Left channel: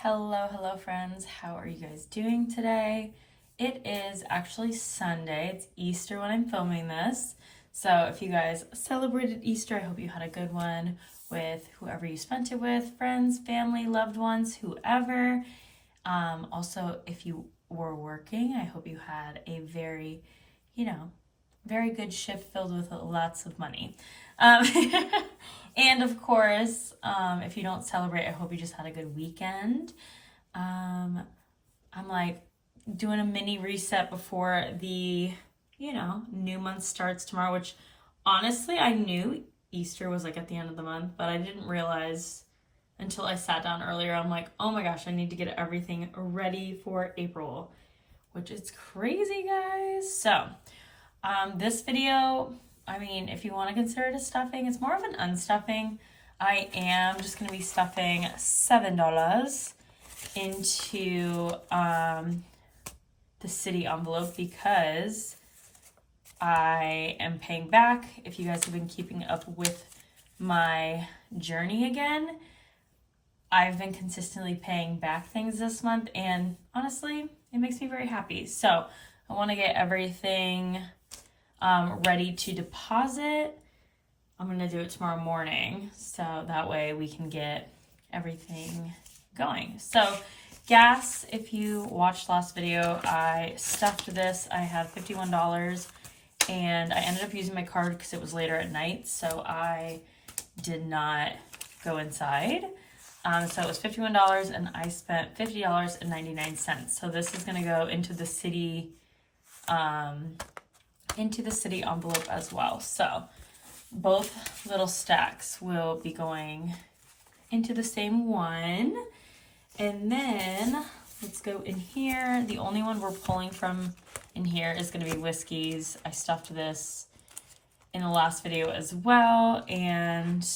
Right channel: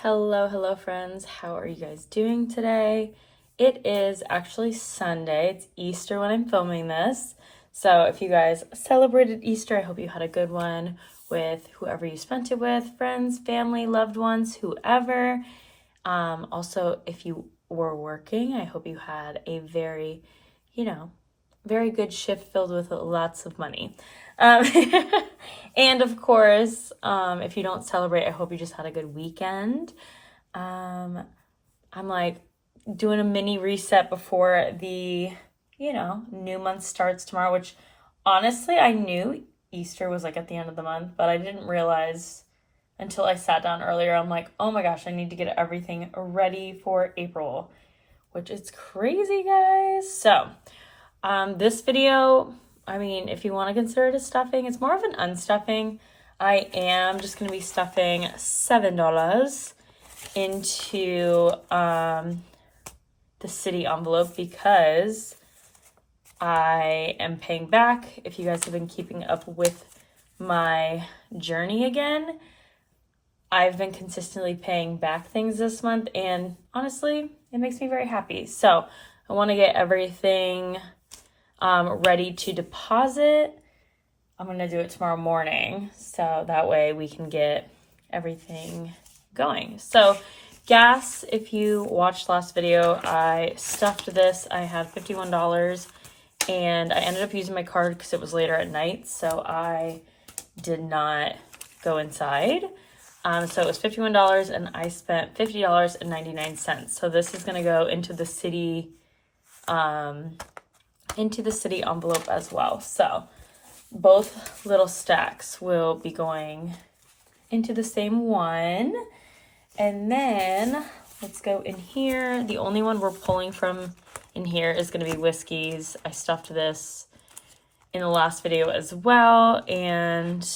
Hello, friends. How are you guys doing today? It is actually Sunday. It's Easter when I'm filming this. So if you guys celebrated Easter, I hope you had a good one with whoever you spent it with, friends, family, loved ones, whoever. Also, if you were working, I hope you had a very, very good shift filled with lots of money. And of course, if you don't celebrate, I hope you just had a good weekend. I'm like doing a mini reset before the, new month starts tomorrow, which honestly, I knew Easter was like at the end of the month, but I didn't realize until I sat down earlier. I'm like, oh my gosh, I need to get everything ready for April, which is crazy, guys. So, this video, if you want to consider it a stuffing, it's more of an unstuffing. I am just going to be stuffing $7 into the city envelope because I am paying back. If you guys have been keeping up with my journey again, I've been consistently paying back things this month, and honestly, it makes me very happy. So I want to get everything ready to deposit. I'm going to do it tomorrow morning, so that way we can get everything going. So gas, if you watched last video, I stuffed this. I had $51, and I ended up using my card because it was later at night, so I did not go inside. So it was $51, and I spent $50.99. So this is going to go into the city envelope as well. So both little stacks will be going into the same one. And then let's go in here. The only one we're pulling from in here is going to be whiskeys. I stuffed this in the last video as well. And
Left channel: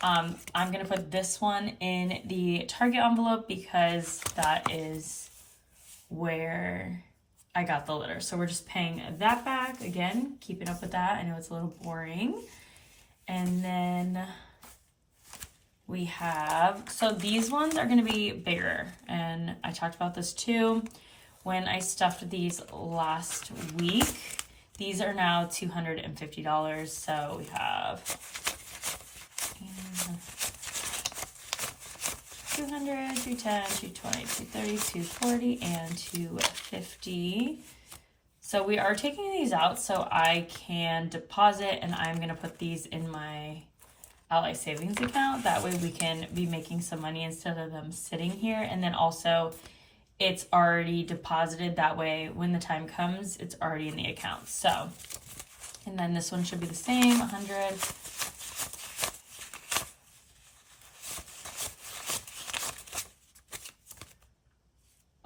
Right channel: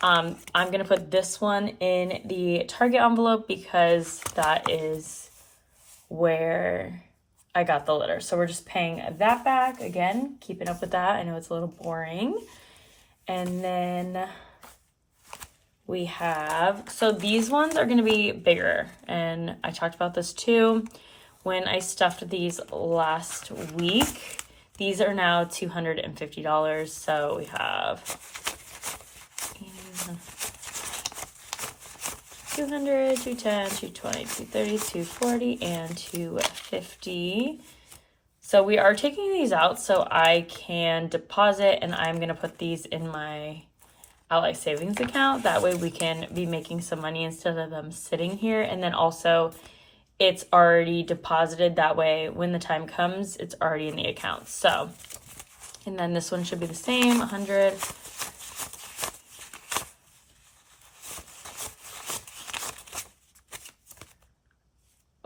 I'm going to put this one in the Target envelope because that is where I got the litter. So we're just paying that back. Again, keeping up with that. I know it's a little boring. And then we have, so these ones are going to be bigger. And I talked about this too when I stuffed these last week. These are now $250. So we have 200, 210, 220, 230, 240, and 250. So we are taking these out so I can deposit, and I'm going to put these in my Ally savings account. That way we can be making some money instead of them sitting here. And then also it's already deposited. That way when the time comes, it's already in the account. So, and then this one should be the same, 100.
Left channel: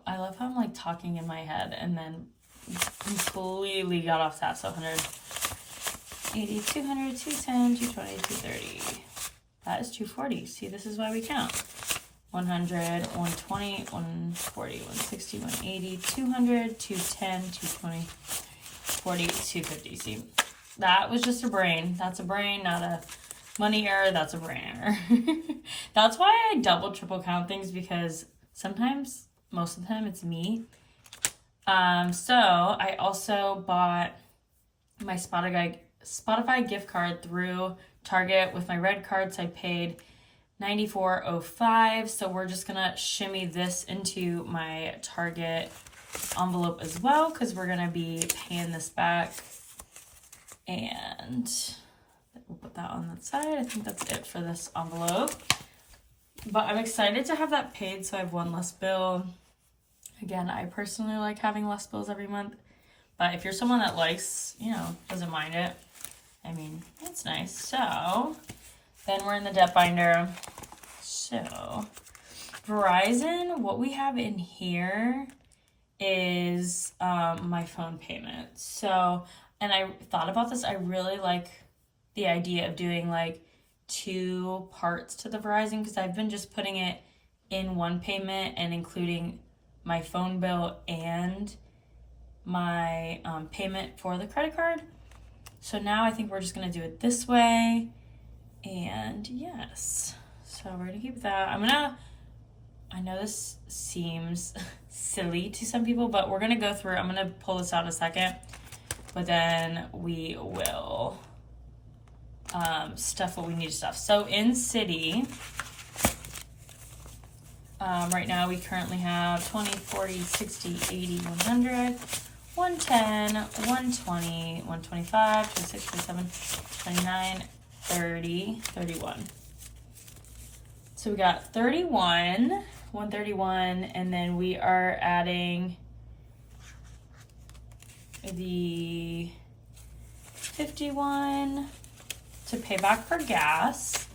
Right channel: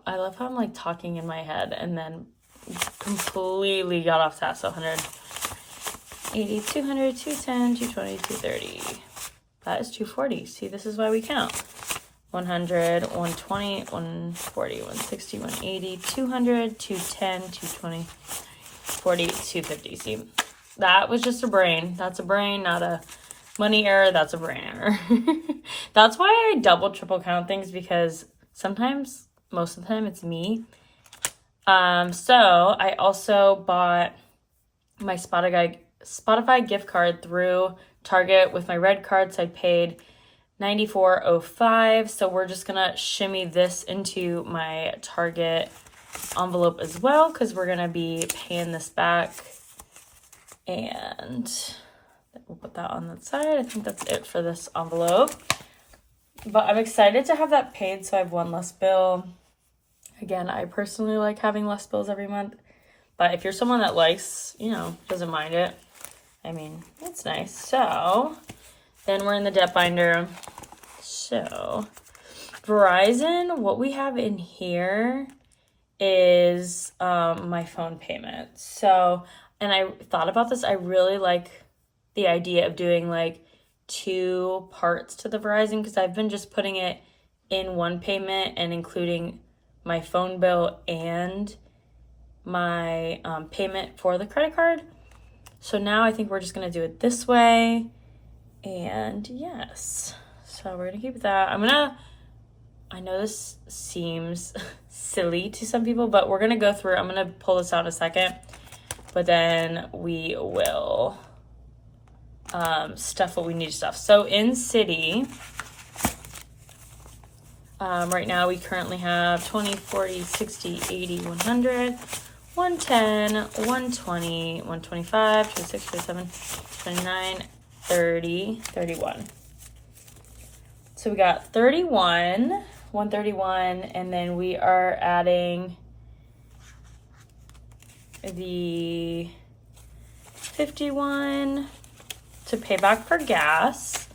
I love how I'm like talking in my head and then completely got off that. So 180, 200, 210, 220, 230. That is 240. See, this is why we count. 100, 120, 140, 160, 180, 200, 210, 220, 40, 250. See, that was just a brain. That's a brain, not a money error. That's a brain error. That's why I double, triple count things, because sometimes, most of the time, it's me. So I also bought my Spotify gift card through Target with my red card, so I paid $94.05. So we're just gonna shimmy this into my Target envelope as well, because we're gonna be paying this back. And we'll put that on the side. I think that's it for this envelope. But I'm excited to have that paid, so I have one less bill. Again, I personally like having less bills every month. But if you're someone that likes, doesn't mind it, it's nice. So then we're in the debt binder. So Verizon, what we have in here is my phone payment. So, and I thought about this. I really like the idea of doing like 2 parts to the Verizon, because I've been just putting it in one payment and including my phone bill and my payment for the credit card. So now I think we're just going to do it this way. And yes, so we're going to keep that. I'm going to I know this seems silly to some people, but we're gonna go through, I'm gonna pull this out in a second, but then we will stuff what we need to stuff. So in City, right now we currently have 20, 40, 60, 80, 100, 110, 120, 125, 26, 27, 29, 30, 31. So we got 31, 131, and then we are adding the 51 to pay back for gas.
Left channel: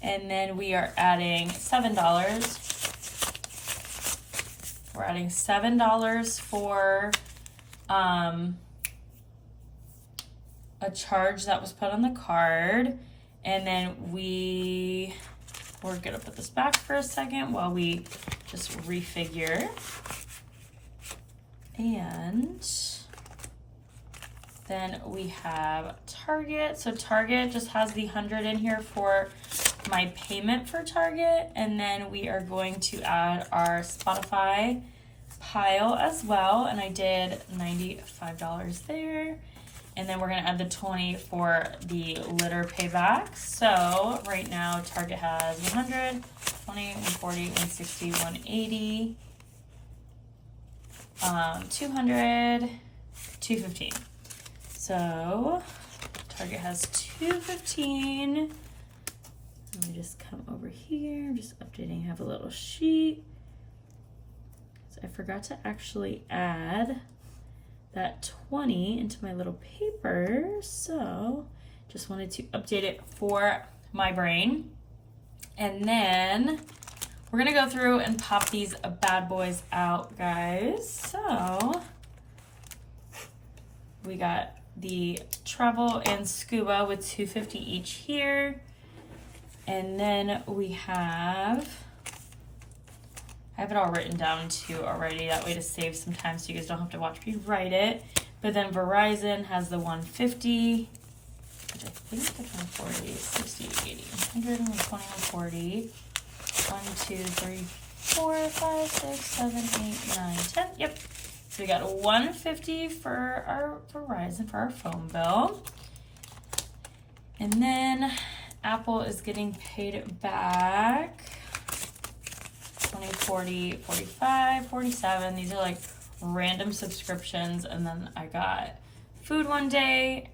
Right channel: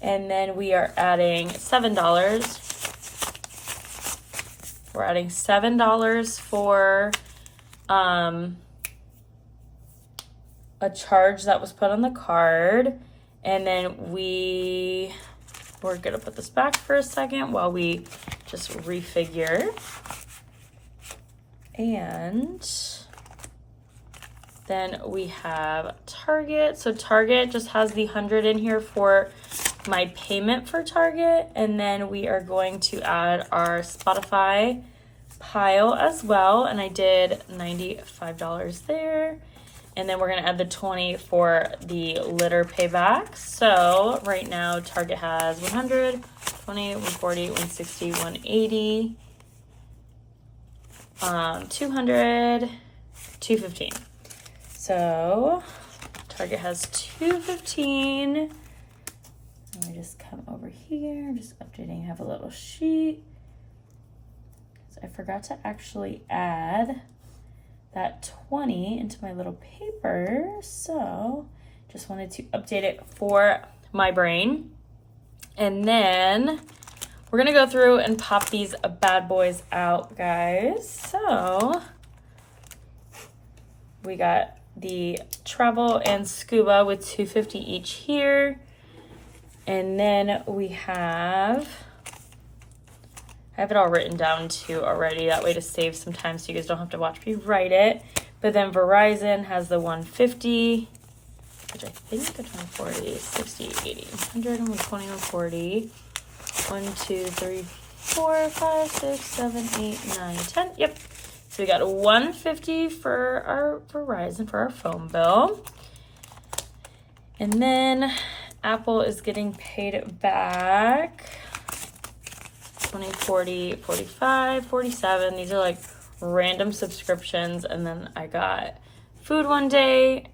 And then we are adding $7. We're adding $7 for a charge that was put on the card. And then we're gonna put this back for a second while we just refigure. And then we have Target. So Target just has the 100 in here for my payment for Target. And then we are going to add our Spotify pile as well. And I did $95 there. And then we're gonna add the 20 for the litter payback. So right now Target has 100, 20, 140, 160, 180, 200, 215. So Target has 215. Let me just come over here, just updating. I have a little sheet. So I forgot to actually add that 20 into my little paper. So just wanted to update it for my brain. And then we're gonna go through and pop these bad boys out, guys. So we got the travel and scuba with $250 each here. And then we have, I have it all written down too already, that way to save some time so you guys don't have to watch me write it. But then Verizon has the 150, which I think the 140 is 60, 80, 100, 120, 140, 1, 2, 3, 4, 5, 6, 7, 8, 9, 10. Yep. So we got a 150 for our Verizon for our phone bill. And then Apple is getting paid back 20, 40, 45, 47. These are like random subscriptions. And then I got food one day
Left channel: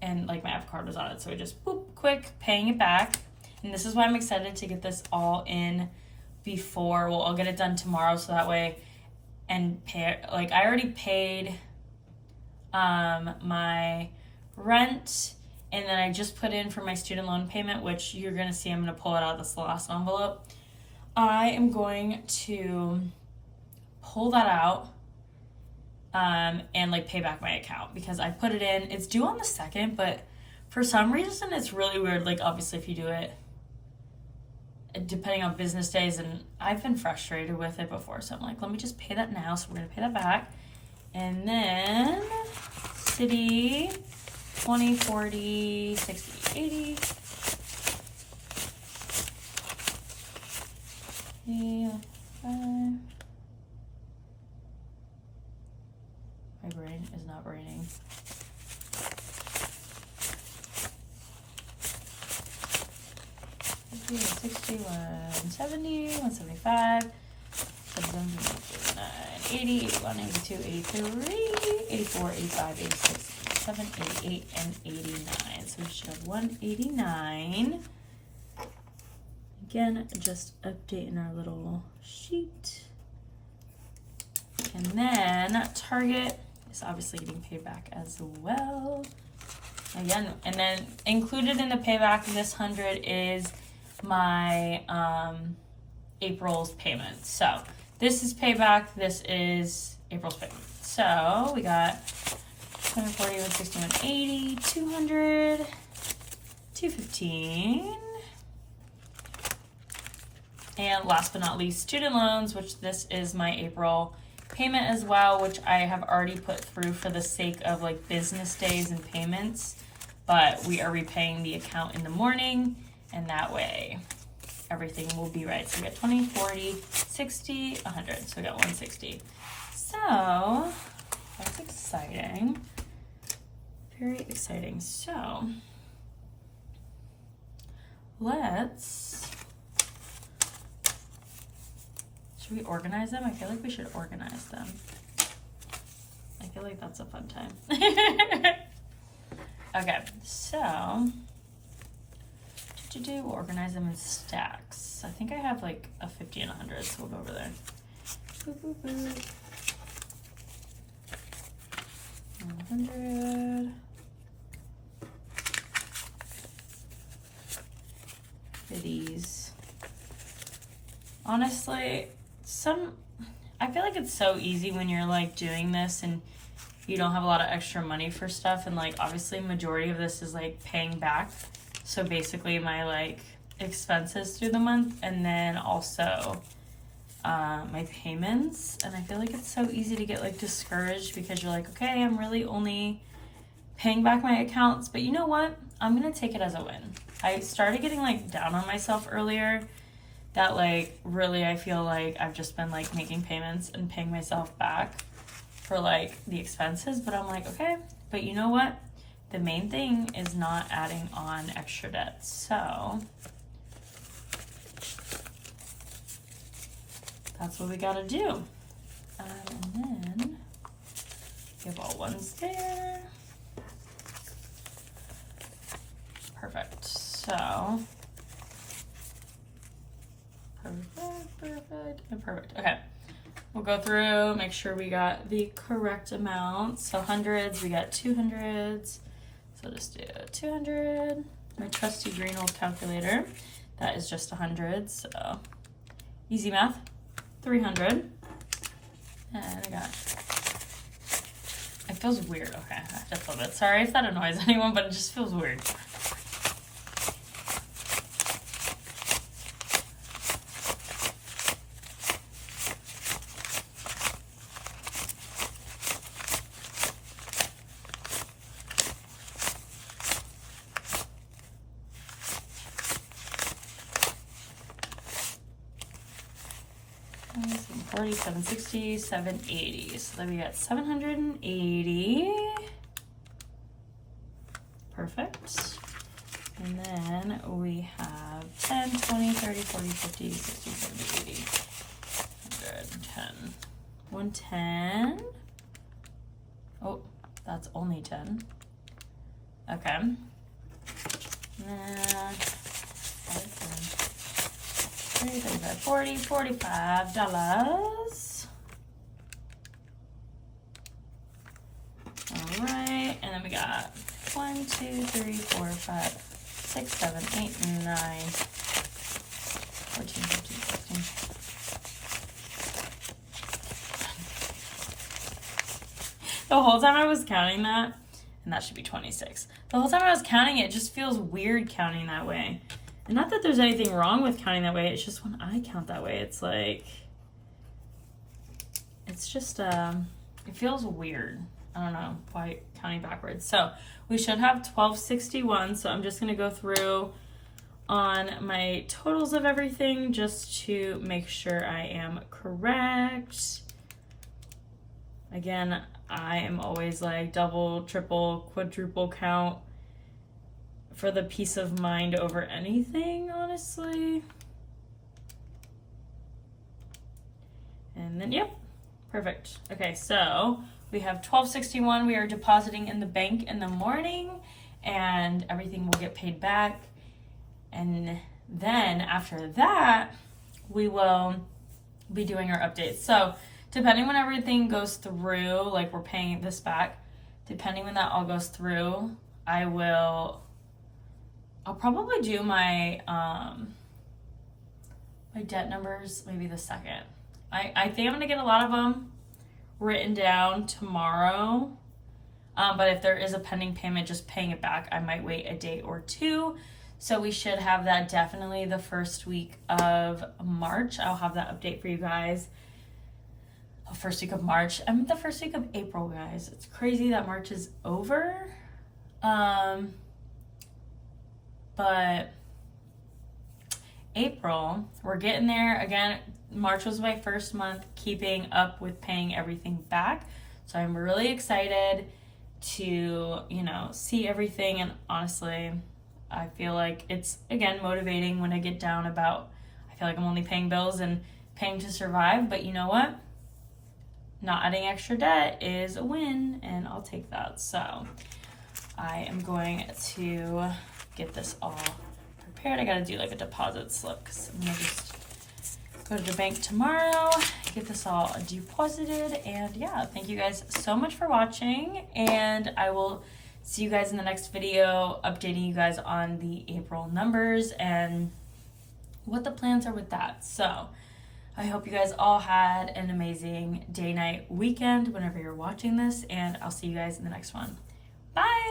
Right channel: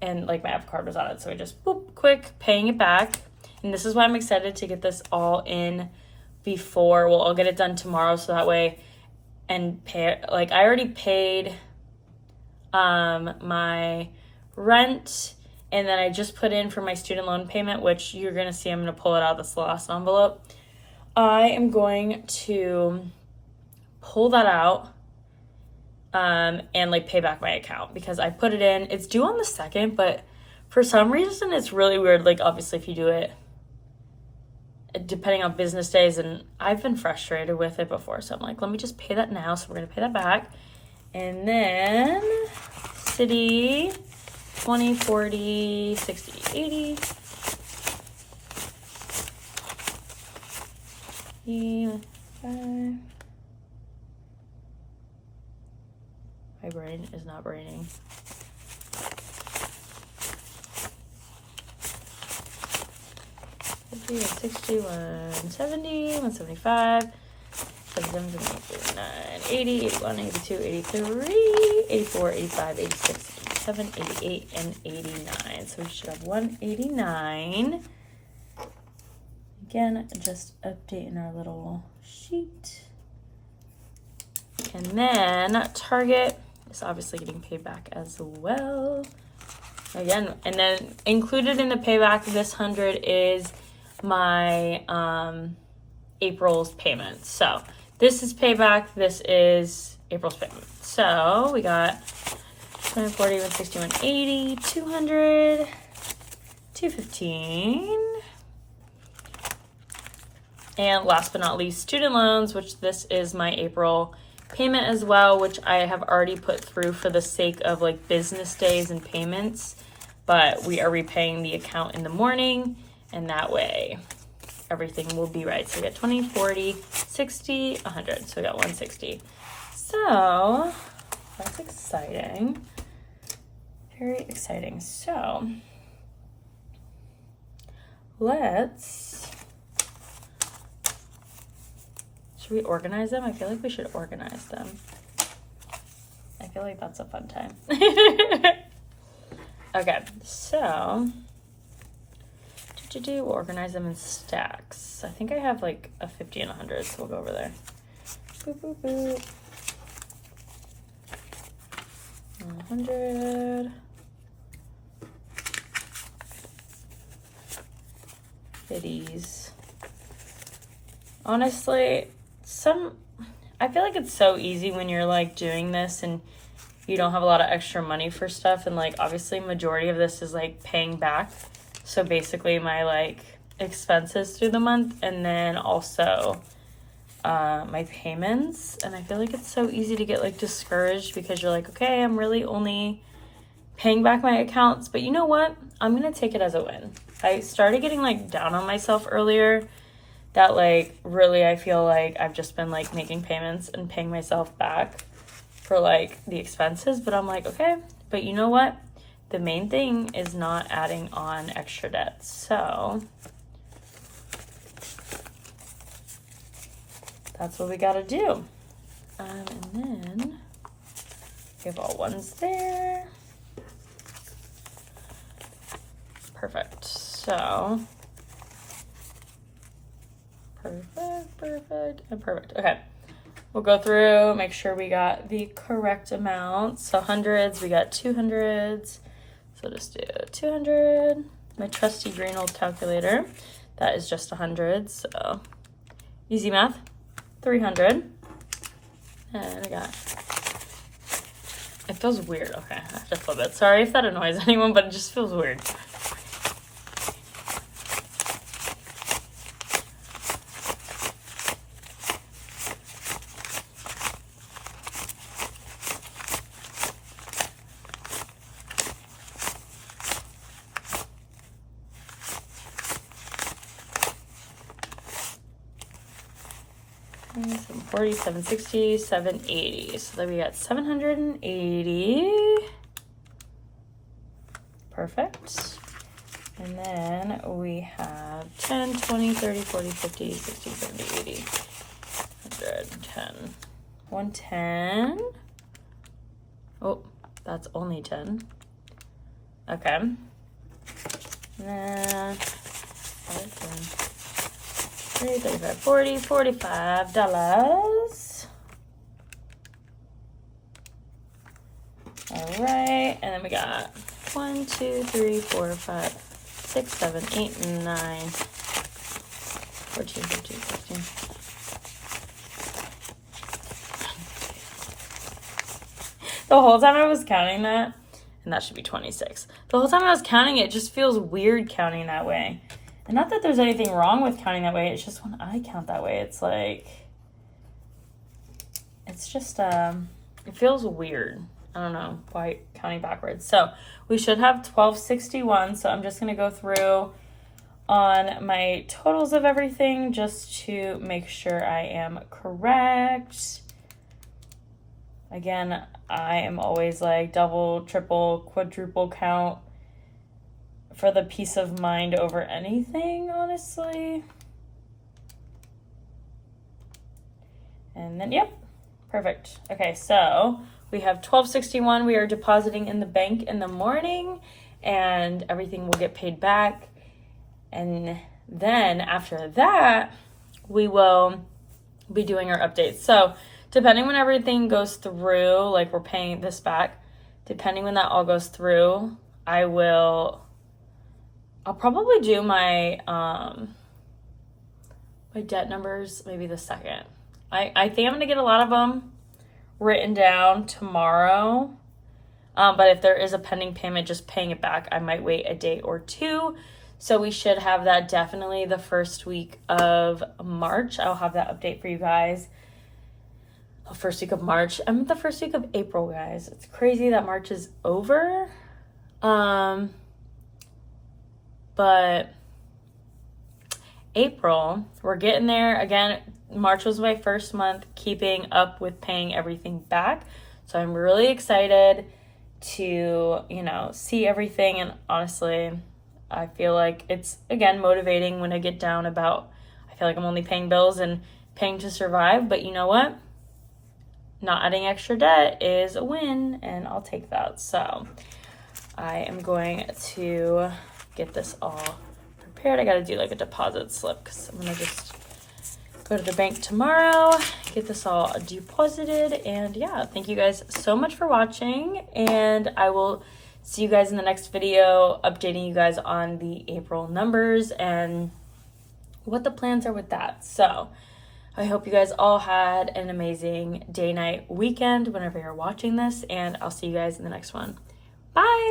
and like my Apple card was on it. So I just boop, quick, paying it back. And this is why I'm excited to get this all in before. Well, I'll get it done tomorrow so that way, and pay, like I already paid my rent, and then I just put in for my student loan payment, which you're gonna see, I'm gonna pull it out of this last envelope. I am going to pull that out and like pay back my account because I put it in. It's due on the 2nd, but for some reason it's really weird. Like obviously if you do it depending on business days, and I've been frustrated with it before, so I'm like, let me just pay that now. So we're gonna pay that back. And then City 20, 40, 60, 80. My brain is not braining. $60, 170, 175, 79, 80, 81, 82, 83, 84, 85, 86, 87, 88, and 89. So we should have 189. Again, just updating our little sheet. And then Target is obviously getting paid back as well. Again, and then included in the payback, this 100 is my April's payment. So this is payback, this is April's payment. So we got 140, 160, 180, 200, 215. And last but not least, student loans, which this is my April payment as well, which I have already put through for the sake of like business days and payments, but we are repaying the account in the morning, and that way everything will be right. So we got 20, 40, 60, 100. So we got 160. So that's exciting. Very exciting. So should we organize them? I feel like we should organize them. I feel like that's a fun time. Okay, so we'll organize them in stacks. I think I have like a 50 and 100, so we'll go over there. Boop, boop, boop. 100. Goodies. Honestly, I feel like it's so easy when you're like doing this and you don't have a lot of extra money for stuff, and like obviously majority of this is like paying back. So basically my like expenses through the month, and then also my payments. And I feel like it's so easy to get like discouraged because you're like, okay, I'm really only paying back my accounts, but you know what? I'm gonna take it as a win. I started getting like down on myself earlier that like really I feel like I've just been like making payments and paying myself back for like the expenses, but I'm like, okay, but you know what? The main thing is not adding on extra debt. So that's what we gotta do. And then we have all ones there. Perfect. So perfect, and perfect. Okay. We'll go through, make sure we got the correct amount. So hundreds, we got 200s. So just do 200. My trusty green old calculator. That is just 100. So easy math. 300. And I got, it feels weird. Okay, I have to flip it. Sorry if that annoys anyone, but it just feels weird. Seven 40, 760, 780. So then we got 780. Perfect. And then we have 10, 20, 30, 40, 50, 60, 70, 80, 110. 110. Oh, that's only 10. Okay. And then 35, 40, $45. All right, and then we got 1, 2, 3, 4, 5, 6, 7, 8, 9, 14, 15, 16. The whole time I was counting that, and that should be 26. The whole time I was counting it just feels weird counting that way. And not that there's anything wrong with counting that way, it's just when I count that way, it's like, it's just, it feels weird. I don't know why counting backwards. So we should have 1261. So I'm just going to go through on my totals of everything just to make sure I am correct. Again, I am always like double, triple, quadruple count for the peace of mind over anything, honestly. And then, yep, perfect. Okay, so we have 1261. We are depositing in the bank in the morning, and everything will get paid back. And then after that, we will be doing our updates. So depending when everything goes through, like we're paying this back, depending when that all goes through, I'll probably do my my debt numbers maybe the second. I think I'm gonna get a lot of them written down tomorrow. But if there is a pending payment, just paying it back, I might wait a day or two. So we should have that definitely the first week of March. I'll have that update for you guys. First week of March. I'm the first week of April, guys. It's crazy that March is over. But April, we're getting there. Again, March was my first month keeping up with paying everything back. So I'm really excited to, see everything. And honestly, I feel like it's, again, motivating when I get down about, I feel like I'm only paying bills and paying to survive. But you know what? Not adding extra debt is a win, and I'll take that. So I am going to get this all prepared. I gotta do like a deposit slip because I'm gonna just go to the bank tomorrow, get this all deposited. And yeah, thank you guys so much for watching, and I will see you guys in the next video, updating you guys on the April numbers and what the plans are with that. So I hope you guys all had an amazing day, night, weekend whenever you're watching this, and I'll see you guys in the next one. Bye.